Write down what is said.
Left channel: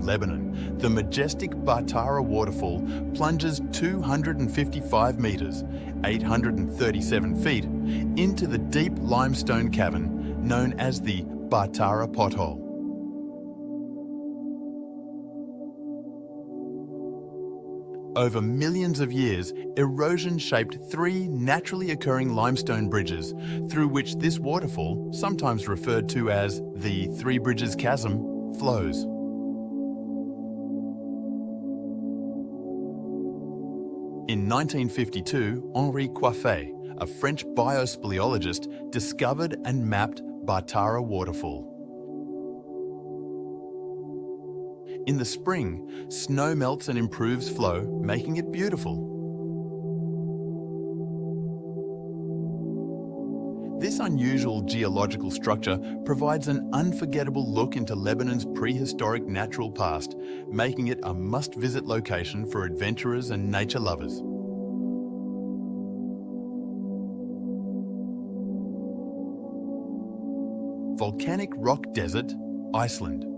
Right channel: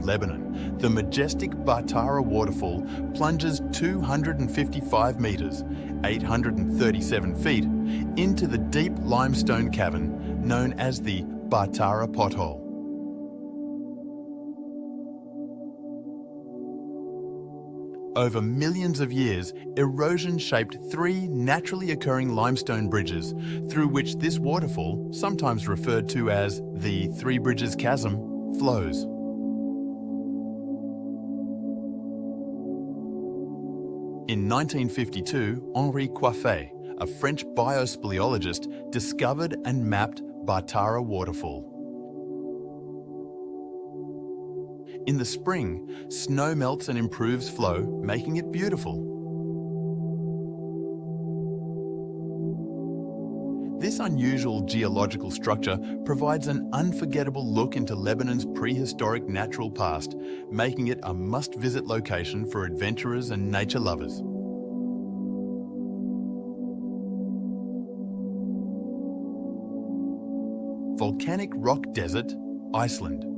Lebanon, the majestic Baatara Waterfall plunges 255 meters, 837 feet, into the deep limestone cavern known as the Baatara Pothole. Over millions of years, erosion shaped three naturally occurring limestone bridges through which this waterfall, sometimes referred to as the Bridges Chasm, flows. In 1952, Henri Coiffet, a French biospeleologist, discovered and mapped Baatara Waterfall. In the spring, snow melts and improves flow, making it beautiful. This unusual geological structure provides an unforgettable look into Lebanon's prehistoric natural past, making it a must-visit location for adventurers and nature lovers. Volcanic rock desert, Iceland.